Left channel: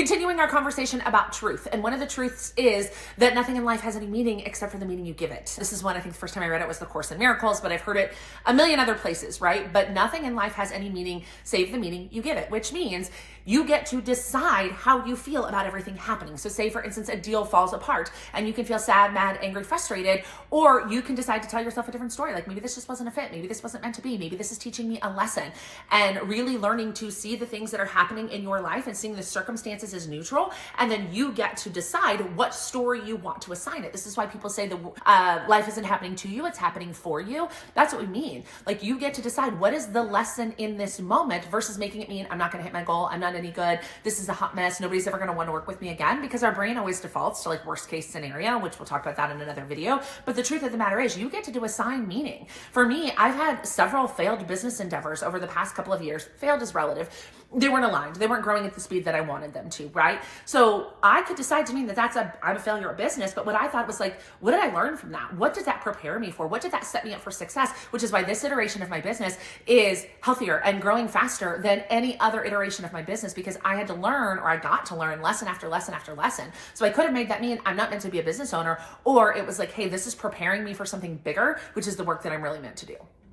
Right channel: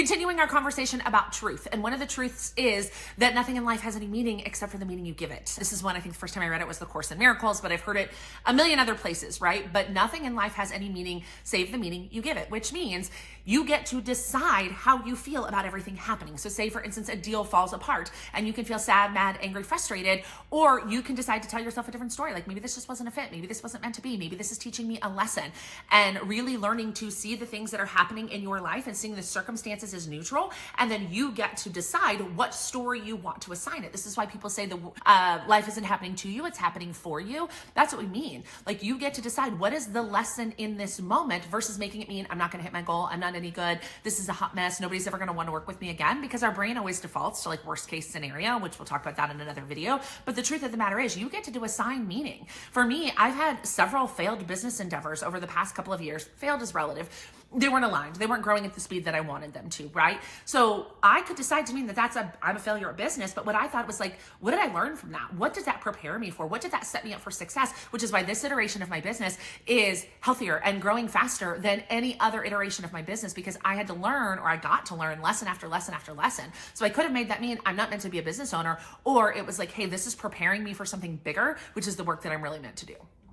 Continuing our conversation about truth. And one of the truths is that nothing in life has any meaning except for the meaning you give it. This is one, I think the first time I read it was the Course in Miracles, but I've heard it a million other places, right? But nothing in life has any meaning save the meaning you give it, which means you get to decide how you feel about everything happening. So say, for instance, a deal falls apart and you can feel sad, mad, angry, frustrated, or you can decide to tell yourself a different story. Like, maybe this just wasn't a fit. Maybe this wasn't meant to be. Maybe this is teaching me a lesson. And really learning to see the things that are happening in your life and seeing the circumstances as neutral. And then you get to decide what story you want to assign it. This is why people say the life isn't happening to you, it's happening for you. That's what we mean. Like, you get to decide what is the lesson in this moment versus making it mean I'm not going to hit my goal, I'm not any good, this is a hot mess, nobody's ever going to want to work with me again, because our brain always defaults to like worst case scenario, which we'll talk about that in another video. But the truth of the matter is you get to assign meaning. For me, I've had several failed business endeavors over the past couple of years. Failed is relative. They weren't aligned. They weren't growing at the speed that I wanted them to, right? So I could decide to mean that I'm a failure at business, but what I thought was like, what did I learn from that? What did that prepare me for? What did that set me up for success? Which is why this iteration of my business is healthier and growing faster than any other iteration of my business, because I had to learn, or I got to learn lesson after lesson after lesson. So I could have made that mean I'm not meant to be a business owner, or it was like, hey, this is preparing me for something bigger, which is the work that I'm really meant to do.